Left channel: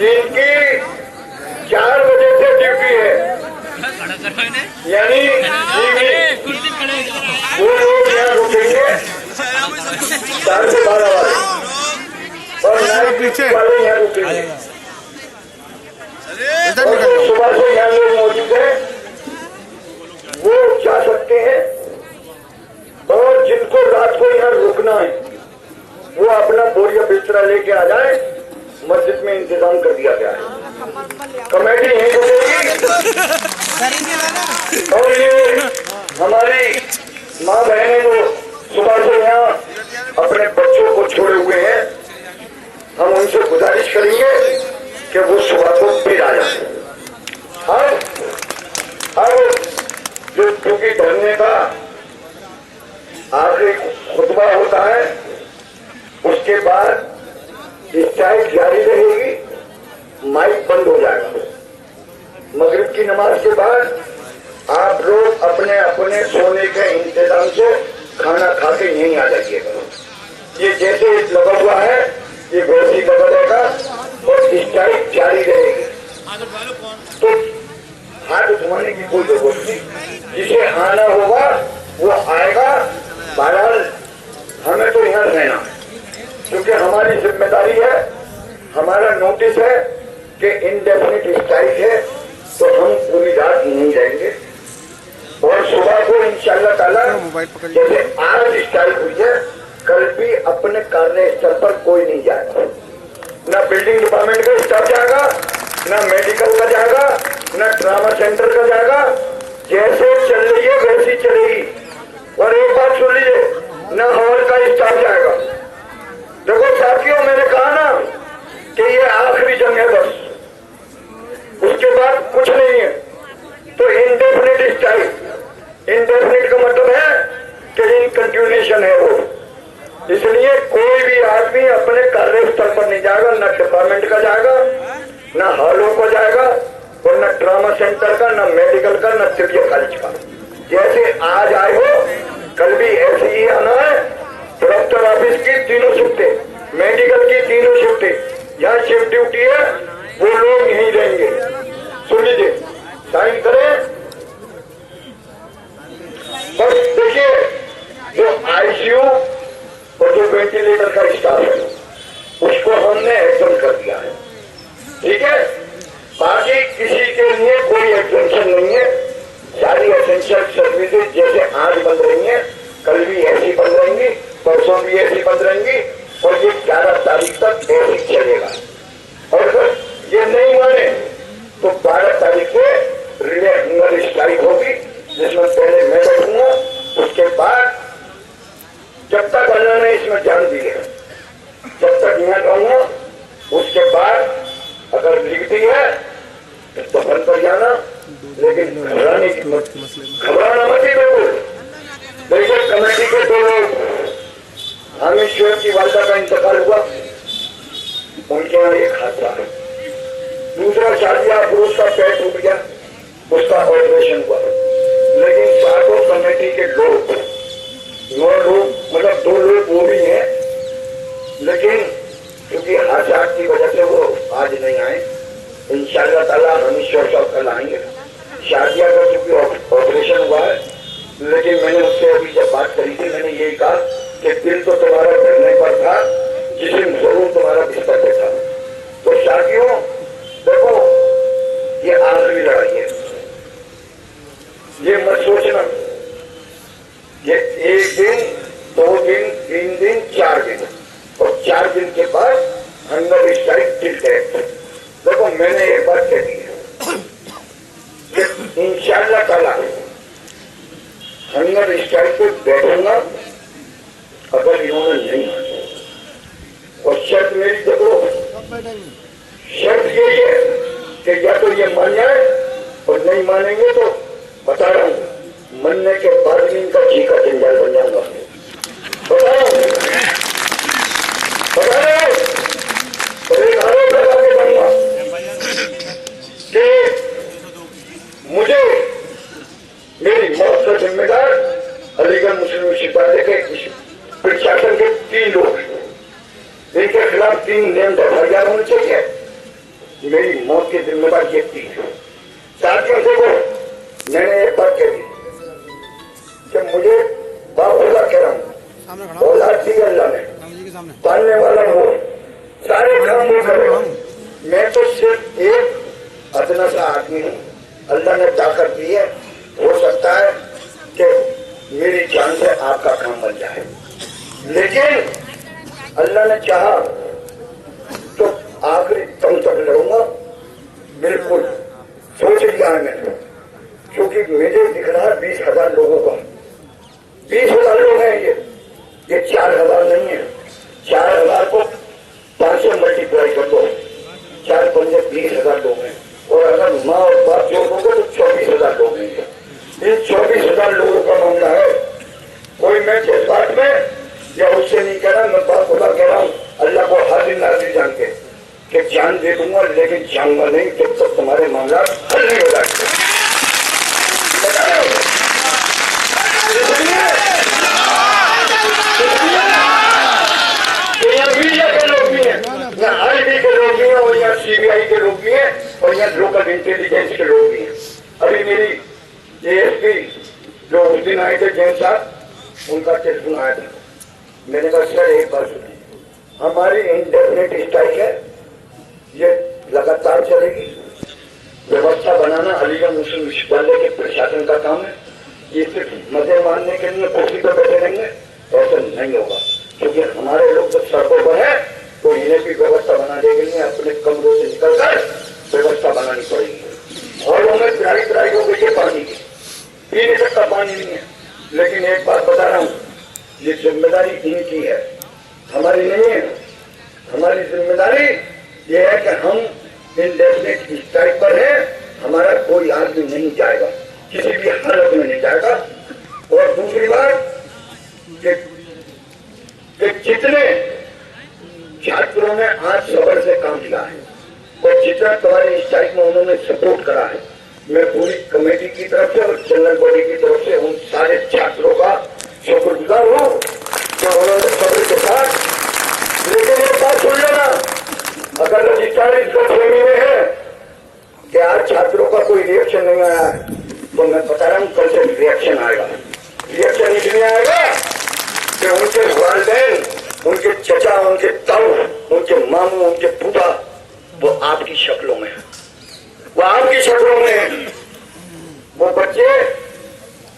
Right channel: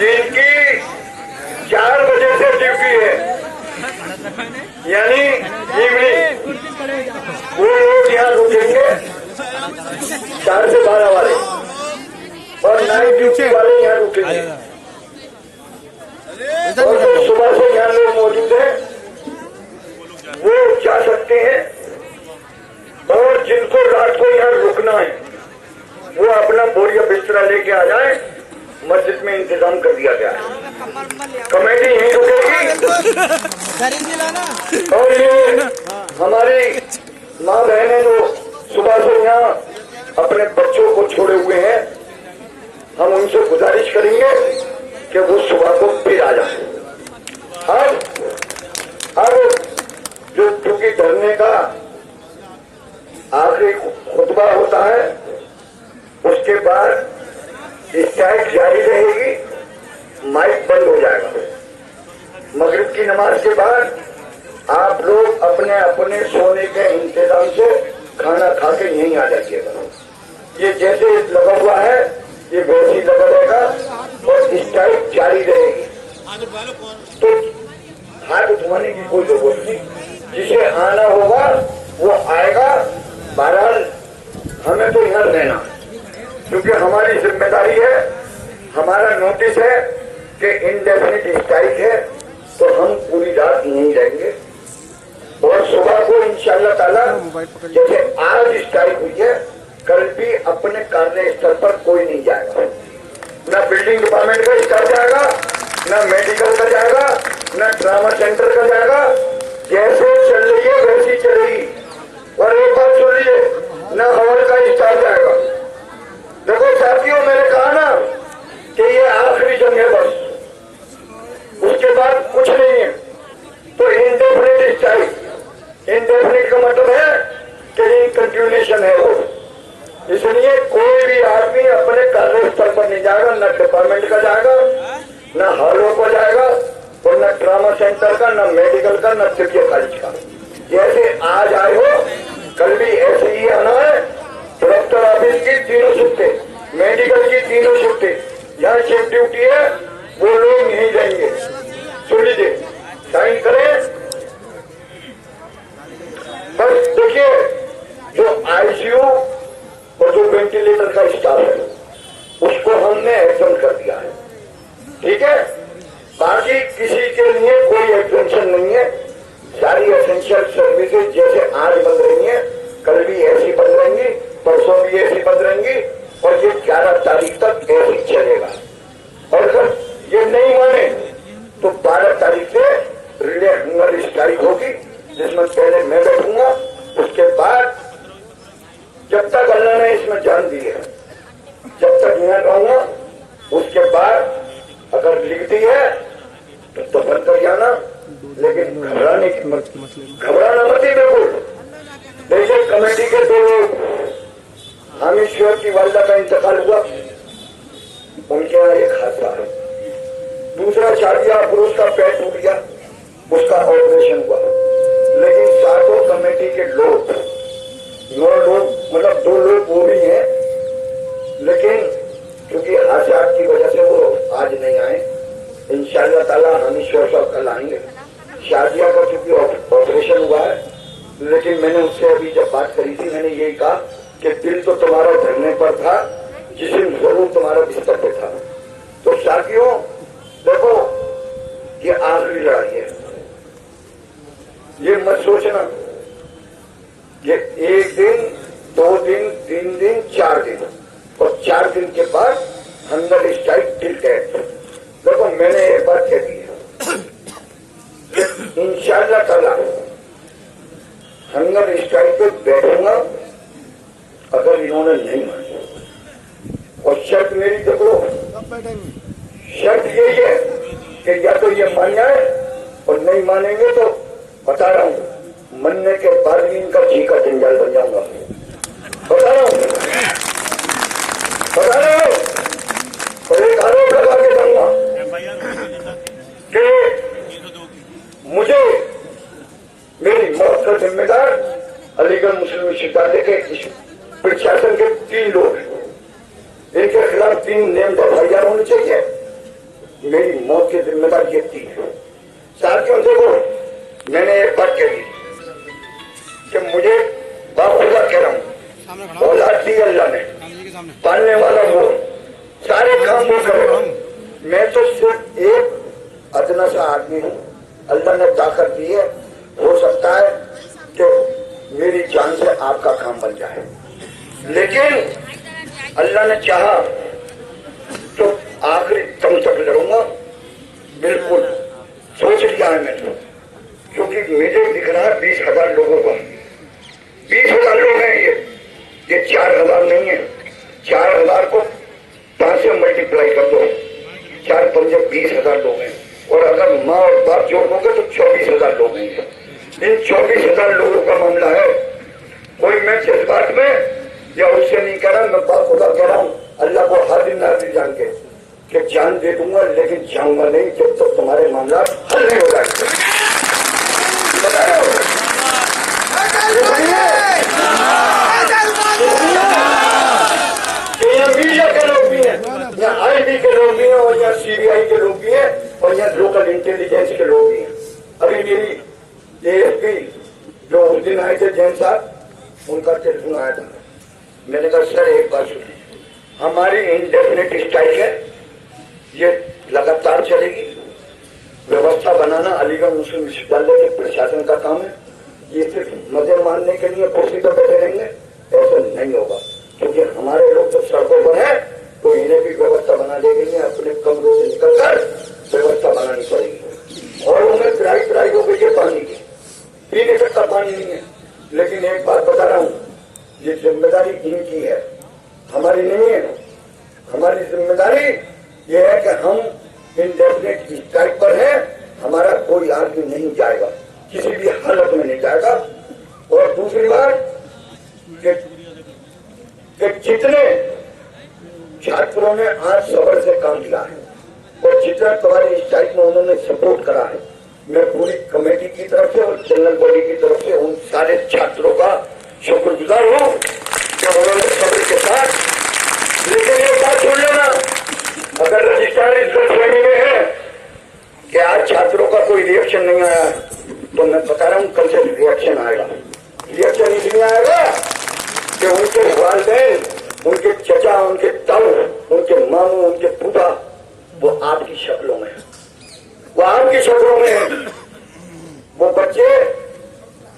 जिनकी 4 बजे से ड्यूटी है, यानी वो लोग यहाँ रुकेंगे 4 से 12 वाले, और नाइट वाले यहाँ रुकेंगे। तो सुबह से यहाँ लोग मौजूद हैं, वो जा सकते हैं, और जिनको रात को यहाँ रुकना है वो अपना बोरिया बिस्तरा लेके आ जाए। मस्जिद में इंतजाम कर दिया गया है, कमेटी यहीं रुकेगी। और ये हमारी माँ बहनें जो सुबह से यहाँ अपने बच्चों को छोड़े हुए हैं, हम उनसे गुजारिश करेंगे कि वो सुबह को फिर आ जाए। अब जो चूंकि धरने का आखिरी खुतबा होता है, उसके बाद स्ट्राइक जारी रहेगी, माइक बंद हो जाएगा। मगरिब की नमाज के बाद आप लोग अपने अपने सोने के इंतजाम से खाना खा के यहीं आ जाइएगा। ये जैसे लगा हुआ है ये वैसे ही लगा रहेगा और स्ट्राइक जारी रहेगी। तो हाथ उठवाने की कोई जरूरत नहीं, जिसे आना होगा वो आएगा। बहरहाल हमें तो यहाँ रहना है, क्योंकि हमारी जिम्मेदारी है, हमारा नोटिस है कि इंडेफिनिट स्ट्राइक है, तो हम पूरी रात नहीं जाएंगे। और सुबह को इंशाअल्लाह ताला जैसे आज स्ट्राइक हुई है, कल भी अपने कार्यस्थल पर कोई नहीं जाएगा। न बिल्डिंग डिपार्टमेंट का स्टाफ जाएगा, न मेडिकल का जाएगा, न ट्रामा सेंटर का जाएगा। जैसे चल रही है वैसी चलेगी। और एक बात सुन लीजिए, न हॉल का स्टाफ जाएगा। देखो साथियों, मैंने कहा ना कि ये आखिरी जंग है, बस उसके बाद कुछ नहीं है। तो इंडेफिनिट स्ट्राइक, इंडेफिनिट का मतलब है कि इन कंटिन्यूएशन है वो। इसलिए कोई भी आदमी अपने कार्यस्थल पर नहीं जाएगा, न डिपार्टमेंट का जाएगा, न हॉलों को जाएगा, और न ट्रामा सेंटर का, न मेडिकल का, न चिड़िया कॉलेज का। जैसे आज आए हो कल भी ऐसे ही आना है। कलेक्टर ऑफिस की 3 शिफ्टें, मेडिकल की 3 शिफ्टें, यहाँ शिफ्ट ड्यूटी है, वो लोग यहीं रहेंगे। सुन लीजिए, साइन करें। बस देखिए, जो आईसीयू और जो वेंटिलेटर का स्टाफ है उसको हमने एग्जाम कर दिया है, ठीक है। बाकी किसी के लिए कोई एग्जामेशन नहीं है। सारी एसेंशियल सर्विसेज जैसे आज बंद रही हैं, कल भी ऐसी बंद रहेंगी, परसों भी ऐसी बंद रहेंगी, और ये 11 तारीख तक ऐसे ही चलेगा। और अगर ये नहीं माने तो 12 तारीख से रिले हंगर स्ट्राइक होगी, जिसमें पहले मैं बैठूंगा। उसके बाद जब तक अल्लाह ने इसमें जान दी है, जब तक यहाँ रहूंगा, उसके बाद अगर लिखती है तो बंद कर जाना, लेकिन घबराने की घबराना मत ही। देखिए कमेटी के 2 लोग, हामिद की वालदा का इंतकाल हुआ, उनके यहाँ एक हादसा है। दूसरा शादिया पुरुष का पैर टूट गया, उसका ऑपरेशन हुआ। लेकिन सातों कमेटी के लोग, 9 लोग, मतलब 2 लोग वो भी हैं, लेकिन क्योंकि हादसा की वजह से वो आज नहीं आए। इंशाअल्लाह ताला हामिद साहब कल आएंगे। शादिया का क्योंकि ऑपरेशन हुआ है, लेकिन मैंने उससे अभी जब बात करी थी, मैंने यही कहा कि दिल तो तुम्हारा धरने पर था, जिसम जरूर तुम्हारा बिस्तर पे था। तो साथियों देखो, ये आखिरी लड़ाई है। ये मत सोचना ये 1 दिन, 2 दिन, 3 दिन, 4 दिन, और 4 दिन के बाद हंगर स्ट्राइक टिल डेथ। देखो मैंने एक बात कह दी है कि इंशाअल्लाह ताला हंगर स्ट्राइक पे बैठूंगा अगर इन्होंने नहीं माना। और शर्त मेरी देखो, शर्त यही है कि या तो ये मान जाए, और नहीं मानेंगे तो बता रहा हूं मनने के बाद भी इनका जी का जंजाल बन जाऊंगा। बता रहा हूं और एक आरोप लगा के दूंगा कि मुझे मेरी मौत का जिम्मेदार अलीगढ़ मुस्लिम शिकायत के प्रशासन के 3 लोग, इनके खिलाफ 3 नेम एफआईआर होनी चाहिए। मेरी मौत की जिम्मेदारी ये थी। साथियों देखो, मैंने एक बात कह दी कि मुझे बाखुदा कह रहा हूँ, औलाद दी अल्लाह ने, पालने वाला वो, सारे काम वो करेगा। मैं तो सिर्फ एक अदना सा आदमी हूँ, अल्लाह ने ताकत दी है। हो सकता है कि मेरी जान से आपका काम बन जाए, लेकिन अल्लाह ने चाहा तो आखिरी दम तक लड़ूंगा। बिल्कुल सोच लिया है मैंने, क्योंकि मुझे दिख रहा है 20,000 लोगों को, 20,000 लोग हैं। ये 4,000 नहीं है। 4,000 को 5 से मल्टीप्लाई कर दो, 4 पंजे 20,000 लोग हैं। और अगर माँ और बाप जोड़ दोगे तो 24,000 लोग हैं। इन 24,000 लोगों का मामला है। कोई मैं जज्बात में या उससे नहीं कह रहा, मैं बात खुदा कह रहा हूँ। अल्लाह को हर दिन नाजिल जान के कि जान दे दूंगा, लेकिन जाऊंगा नहीं जब तक तुम्हारे मामला हल नहीं हो जाते। बता रहे हो मीडिया के लोग भी हैं, यहाँ आईटी के लोग भी हैं, और यहाँ सीबीआई के लोग भी हैं, और यहाँ लोकल इंटेलिजेंस के लोग भी हैं। अभी मेरी एएसपी जो उस दिन आए थे जैन साहब, उनका टेलीफोन आया था। मैंने कहा सर एक बात सुनिए, हमारी इंडेफिनिट स्ट्राइक है, ये लगातार चलेगी। व्यवस्था बनाना अलीगढ़ मुस्लिम विश्वविद्यालय के प्रशासन का काम है। ये सिर्फ मजे मारने के लिए कुर्सी पर बैठे रहेंगे ऐसा नहीं होगा, क्योंकि हमारे लोग जब सड़कों पर है तो इन्हें भी व्यवस्था बनाने के लिए अपने कमरों से निकलकर व्यवस्था बनानी पड़ेगी। और उन्हें पिराई हो गई है पानी की, पीने तक का पानी नहीं है। लेकिन एक बात बता रहा हूँ, ये जिम्मेदारी इनकी है, हमारी नहीं है। हमारी जिम्मेदारी ये है कि हम इंडेफिनिट स्ट्राइक पर है, हमारा कोई आदमी नहीं जाएगा, किसी भी हालत में नहीं जाएगा। और दूसरी बात कि जितने छात्रों ने आज सबर से काम किया है और जितना तुम्हारी स्ट्राइक में उन्होंने सपोर्ट करा है, मैं पूरी कमेटी की तरफ से और जनरल बॉडी की तरफ से उन सारे छात्रों का शुक्रगुजार हूँ कि उन्होंने सब्र के साथ। लेकिन एक बात सुन लेना, अगर रजिस्ट्रार इसका श्रेणी में है कि आज छात्रों का कोई रिएक्शन नहीं आया, तो मैं बता रहा हूँ कल से रिएक्शन आएगा। रिएक्शन इसलिए आएगा कि उनके वालिदैन, उनके चचा, उनके ताऊ, उनके मामू, उनके फूफा वो आपकी शक्लों में है, वो आपकी शक्लों में है। वो बच्चे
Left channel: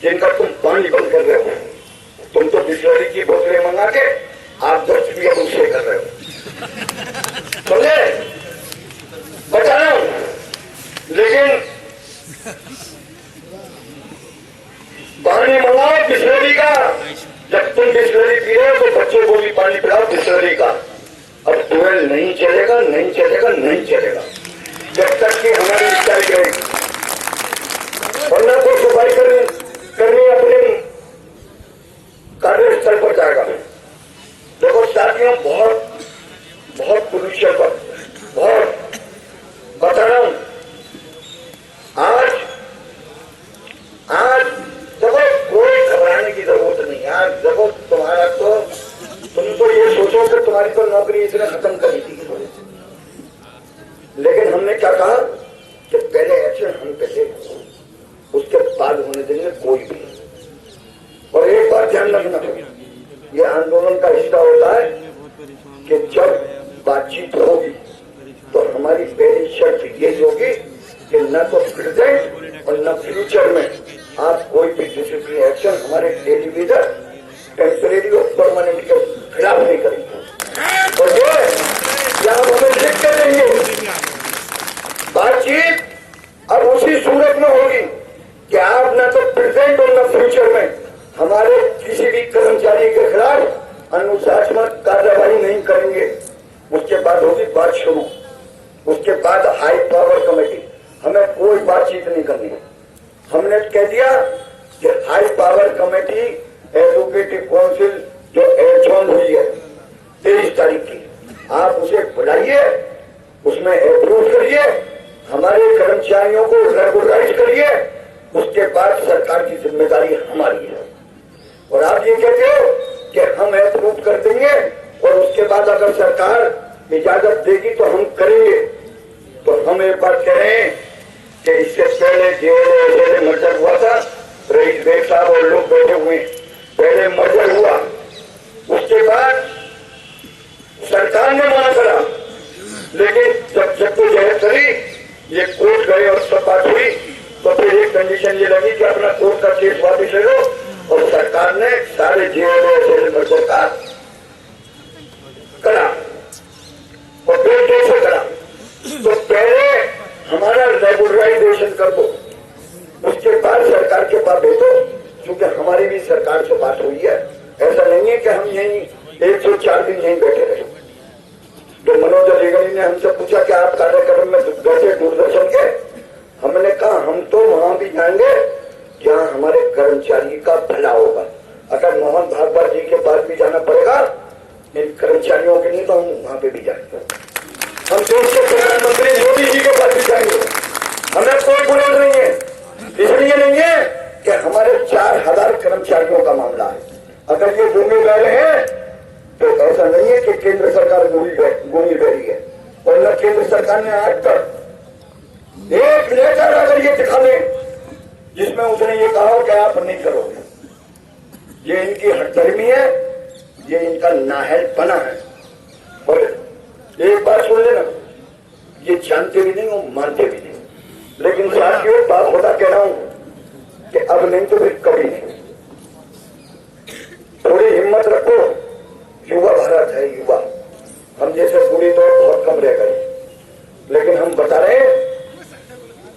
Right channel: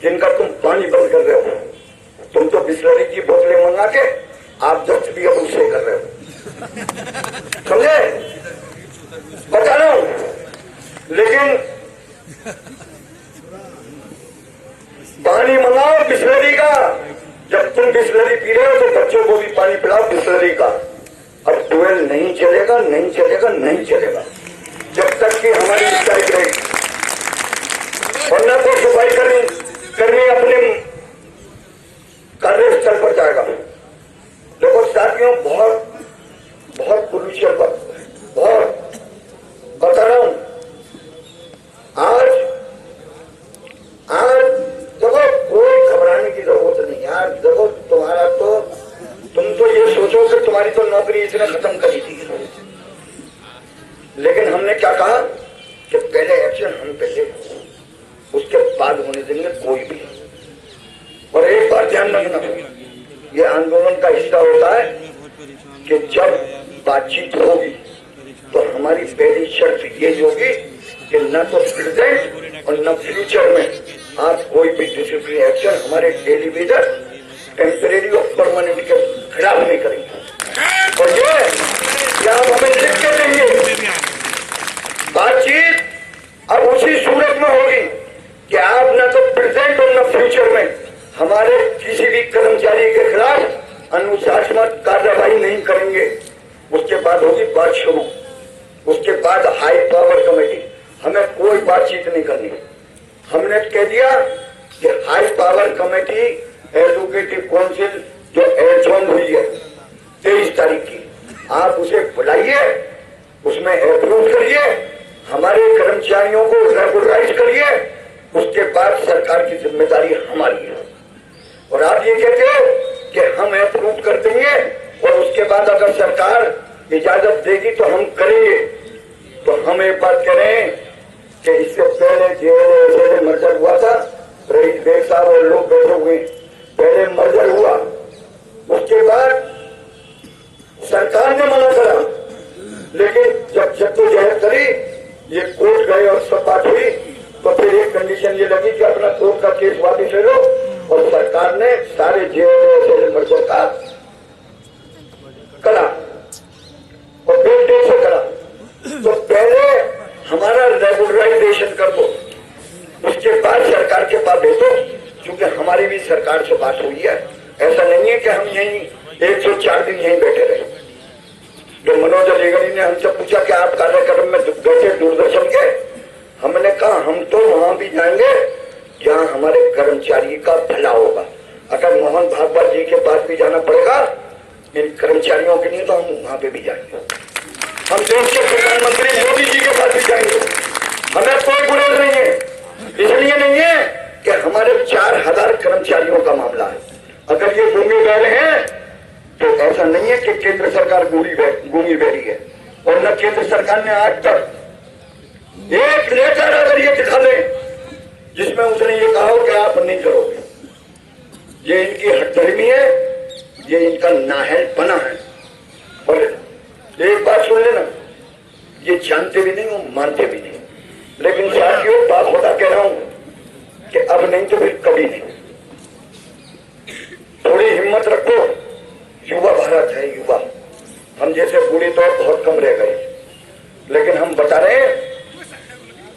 जिनका तुम पानी बंद कर रहे हो, तुम तो बिस्लरी की बोतलें मंगा के आप 10 भी अब उससे कर रहे हो, समझे? बता रहा हूं। लेकिन पानी मंगाओ बिस्लरी का, जब तुम बिस्लरी पी रहे हो तो बच्चों को भी पानी पिलाओ बिस्लरी का। अब ट्वेल नहीं चलेगा, नहीं चलेगा, नहीं चलेगा जब तक कि हमारी स्ट्राइक रहेगी। और न तो सफाई करनी अपने कार्यस्थल पर जाएगा। देखो साथियों, बहुत पोल्यूशन पर बहुत बता रहा हूं। आज देखो कोई घबराने की जरूरत नहीं यार। देखो तुम्हारा तो, तुम तो ये सोचो कि तुम्हारी तो नौकरी इसने खत्म करी थी, लेकिन हमने क्या कहा कि पहले एक्शन हम पहले, उसके बाद होने देंगे कोई भी। और एक बार ध्यान रखना, ये आंदोलन का हिस्सा होता है कि जब बातचीत होगी तो हमारी पहली शर्त ये होगी कि न तो प्रेजेंट और न फ्यूचर में आप कोई भी डिसिप्लिन एक्शन हमारे डेली लीडर टेम्परेरी और परमानेंट के खिलाफ नहीं करेंगे। और ये आप हमें लिख के देंगे। बातचीत अब उसी सूरत में होगी कि आप न तो प्रेजेंट और न फ्यूचर में हमारे किसी भी कर्मचारी के खिलाफ अनुशासनात्मक कार्यवाही नहीं करेंगे। उसके बाद होगी बात शुरू, उसके बाद हाई पावर कमेटी, हमें कोई बातचीत नहीं करनी है। हमने कह दिया कि हाई पावर कमेटी एडवोकेटिव काउंसिल जो एडजॉर्न हुई है 23 तारीख की, आप उसे बुलाइए, उसमें अप्रूव करिए, हमारे कर्मचारियों को रेगुलराइज करिए। उसके बाद सरकार की जिम्मेदारी हमारी है। और आप ये कहते हो कि हम अप्रूव कर देंगे और उसके बाद अगर सरकार इजाजत देगी तो हम करेंगे, तो हम एक बात कह रहे हैं कि इससे पहले जेल मर्डर हुआ था, रईस बेग साहब और लोग बैठे हुए, पहले मर्डर हुआ, उसके बाद सरकार ने मना करा, लेकिन जब जद्दोजहद करी, ये कोर्ट गए और सब बात हुई, तो फिर एक कंडीशन ये लगी कि अपना कोर्ट का केस वापस ले लो, और सरकार ने सारे जेल मर्डर का करा और फिर कैसे करा। तो पहले हमारा रेगुलराइजेशन कर दो, उसके बाद सरकार के पास भेजो, क्योंकि हमारी भी सरकार से बात हुई है। ऐसा नहीं है कि हम यहीं 104 दिन यहीं बैठे रहे। तो मनोज अलीगढ़ी ने हमसे पूछा कि आप कार्यक्रम में बैठे दूरदर्शन के, हमने कहा हम तो वहां भी जाएंगे जहां हमारे कर्मचारी का भला होगा। अगर मोहन भागवत जी के पास भी जाना पड़ेगा इन कर्मचारियों के लिए, तो हम वहां पे भी जाएंगे। हम देश के प्रधानमंत्री मोदी जी के पास भी जाएंगे, हमें कोई बुराई नहीं है। इसलिए नहीं है कि हमारे 4000 कर्मचारियों का मामला है। अगर ये गूंगे बहरे हैं तो ऐसा नहीं है कि केंद्र सरकार गूंगी बहरी है, और न केंद्र सरकार ने आज तक एक लेटर अगर ये दिखा ले जिसमें उसने ये कहा कि आप नहीं करोगे, ये इनकी हठधर्मी है, ये इनका नाहलपना है। और एक बात सुन लेना, ये जानते भी नहीं और मानते भी नहीं, लेकिन साथियों बात होता कह रहा हूं कि अब नहीं तो फिर कभी नहीं। थोड़ी हिम्मत रखो, युवा भारत है, युवा। हम जैसे बूढ़े तो बहुत कम रह गए, लेकिन हम बता रहे हैं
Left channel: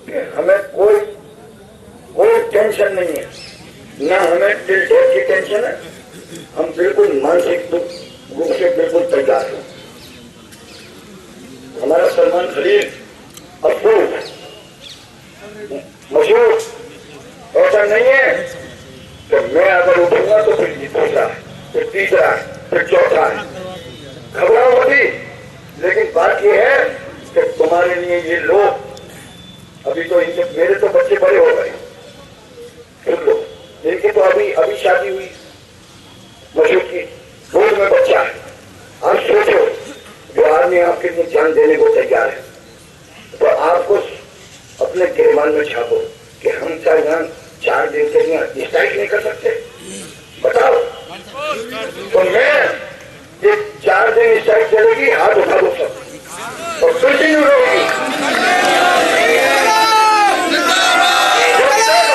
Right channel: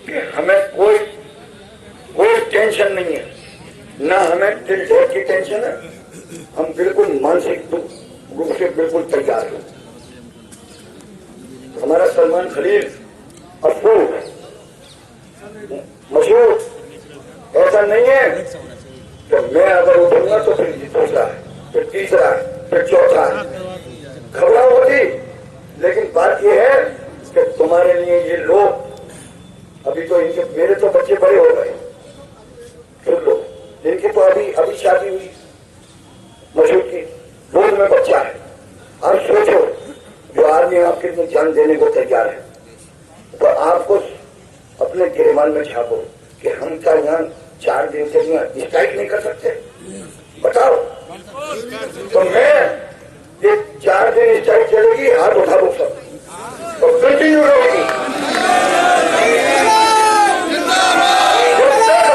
कि हमें कोई टेंशन नहीं है, ना हमें दिल ढेर की टेंशन है। हम बिल्कुल मानसिक रूप से बिल्कुल तैयार हैं। हमारा सलमान खलील अफूज मशहूर, ऐसा नहीं है कि मैं अगर उठूंगा तो फिर दूसरा है, फिर तीसरा है, फिर चौथा है, घबराहट होती। लेकिन बात यह है कि तुम्हारे लिए ये लोग, अभी तो इनके, मेरे तो बच्चे बड़े हो गए, फिर लोग इनकी तो अभी शादी हुई, मशहूर की गोद में बच्चा है। आप सोचो जो आदमी आपके लिए जान देने को तैयार है, तो आपको अपने गिरमान में छापो कि हम क्या यहाँ 4 दिन के लिए स्ट्राइक नहीं कर सकते? बताओ। तो मैं ये 4 दिन स्ट्राइक चलेगी, हाथ उठा दो सब और कंटिन्यू होगी।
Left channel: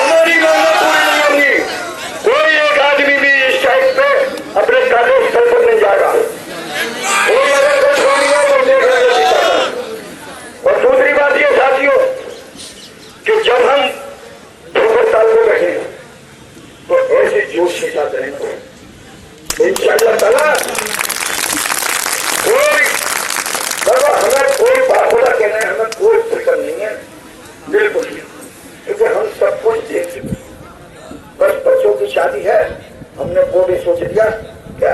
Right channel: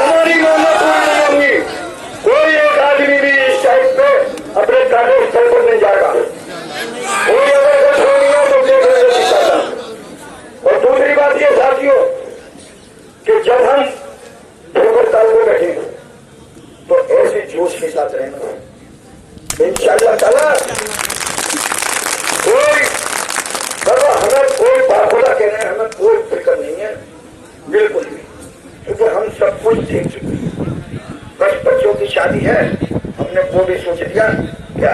हमारी मांगों पूरी नहीं होगी, कोई एक आदमी भी स्ट्राइक पे अपने कार्यस्थल पर नहीं जाएगा। और दूसरी बात ये साथियों कि जब हम भूगताल में बैठे तो ऐसे जोश के साथ रहेंगे इंशाअल्लाह ताला। कोई बाबा हमें कोई बाखुदा कहना है, हमें कोई फिक्र नहीं है, बिल्कुल नहीं, क्योंकि हम सब कुछ देख चुके। बस बच्चों की शादी है, हमने वो भी सोच लिया। क्या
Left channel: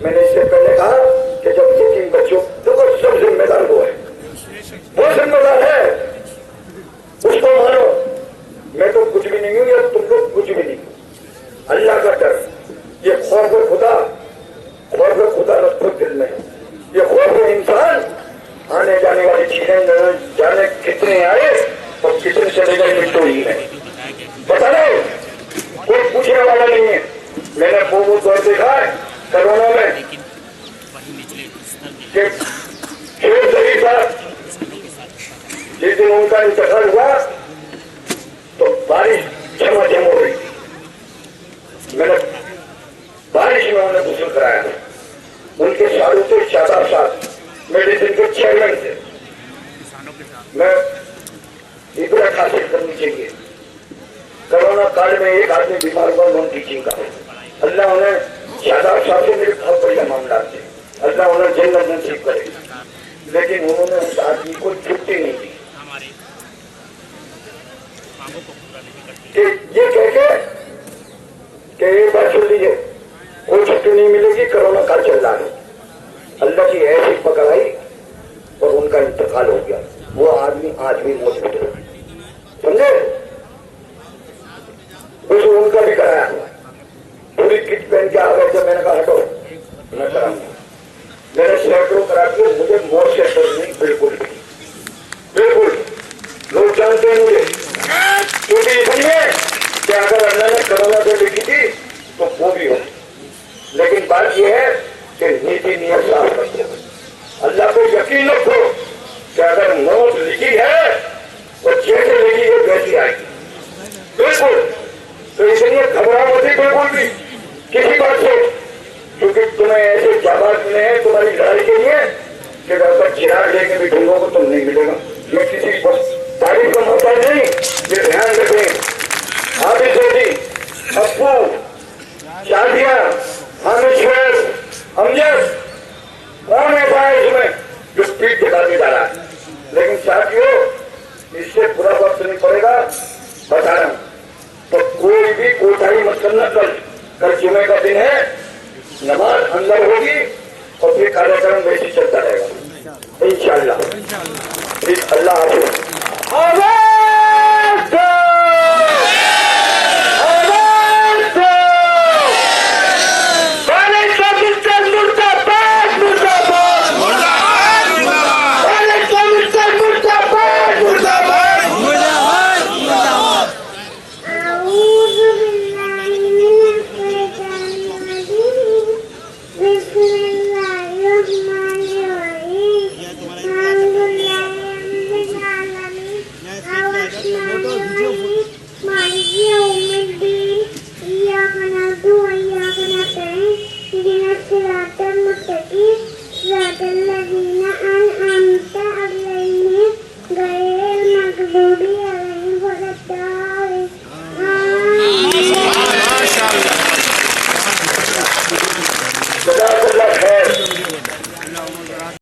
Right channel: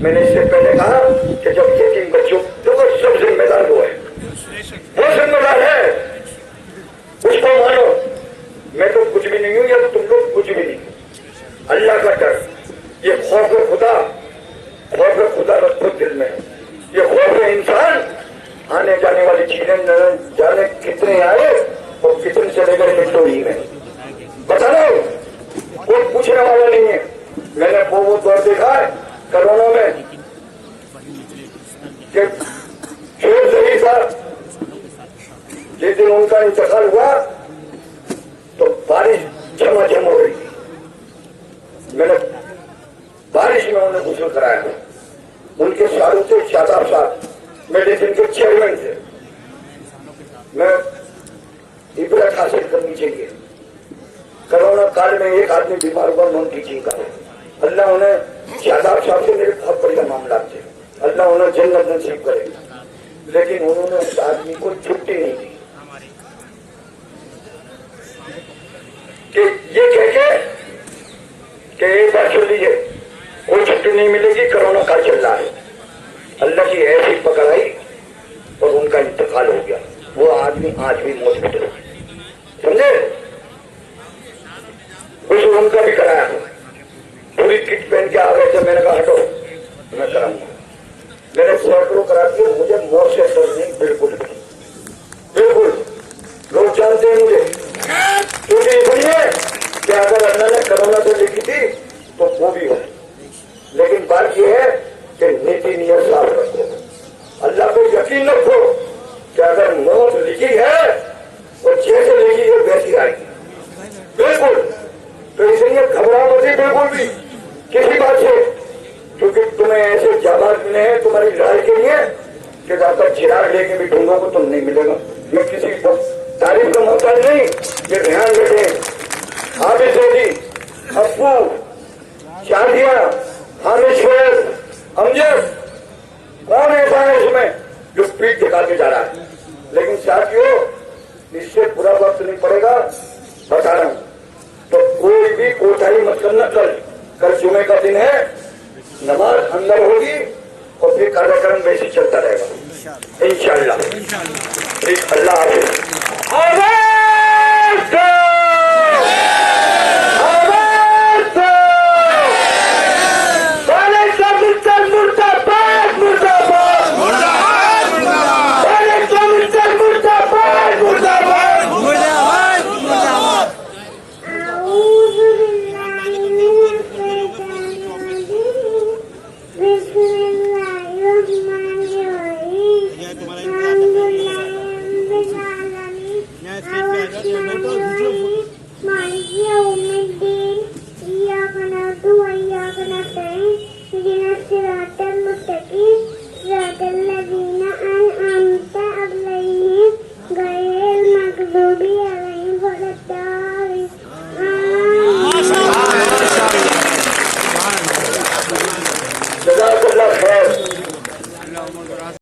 मैंने इससे पहले कहा कि जब ये 3 बच्चों तो सब जिम्मेदार वो है, वो जिम्मेदार है, उसको मानो। मैं तो कुछ भी नहीं हूं या तुम लोग कुछ भी नहीं। अल्लाह का डर, ये खौफ खुदा रखो दिल में। ये खौफ इंसान आने जाने वाली चीजें जाने कितने आए और कितने चले गए मिट्टो ही है, बता दो। कोई पूछने वाला नहीं है। मैंने वो दौर देखा है कोरोना में, जिस दिन उनका इंतकाल हुआ तो बारिश झमाझम हो रही थी। मैंने बारिश में उन्हें गुस्ल कराया। उनके सारों से शादाब साहब मेडिसिन के चेयरमैन थे। मैं इबरत हासिल करनी चाहिए। कोरोना काल में एक आदमी बीमार हुआ, नॉन टीचिंग का। अल्लाह उन्हें, शादाब साहब से मेरे बहुत बढ़िया मामला थे, अल्लाह उन्हें जन्नत नसीब करे, लेकिन उन्होंने उस आदमी को छुट्टी नहीं दी कि ये कह के कि एक बार सुन लीजिए, कोई छुट्टी नहीं मिलेगी, कोरोना काल चल रहा है। अल्लाह की ऐसी पकड़ आई और उनका इंतकाल हो गया। वो आदमी आज भी मौत में हो, समझे? कुछ उनका भी कराया, पूरी किट पहन के आ गए थे। मैंने कहा हटो, मैं कराऊंगा। मैंने सैकड़ों करा के, मुझे मौत से डर नहीं बिल्कुल भी। कि नीति नियम साफ रखो। अल्लाह को यकीन रखो कि अगर मौत लिखी है तो जैसे लिखी है वैसी आएगी, बिल्कुल। तो इसलिए घबराओ मत बिल्कुल भी किसी बात से, क्योंकि तुम्हें ऐसे जाबाज मिले हैं तुम्हारी लड़ाई के लिए कि वापस चिराग लेके भी ढूंढोगे तुम नहीं मिलेगा। मैं किसी को तारीफ का मौका नहीं, ये ध्यान रखें। आदित्य जी, अप्पू, शादिया, हामिद, अमजद, कौन ऐसा है इसमें जो पीठ दिखाते जा रहा है? लेकिन साथियों इससे पूरा वक्त नहीं पड़ेगा बताना। तो कोई भी कोताही मत करना। कल जुमे का दिन है, नमाज अंदर होगी और फिर कार्यक्रम वैसे चलता रहेगा इंशाअल्लाह। अल्लाह हाफिज़।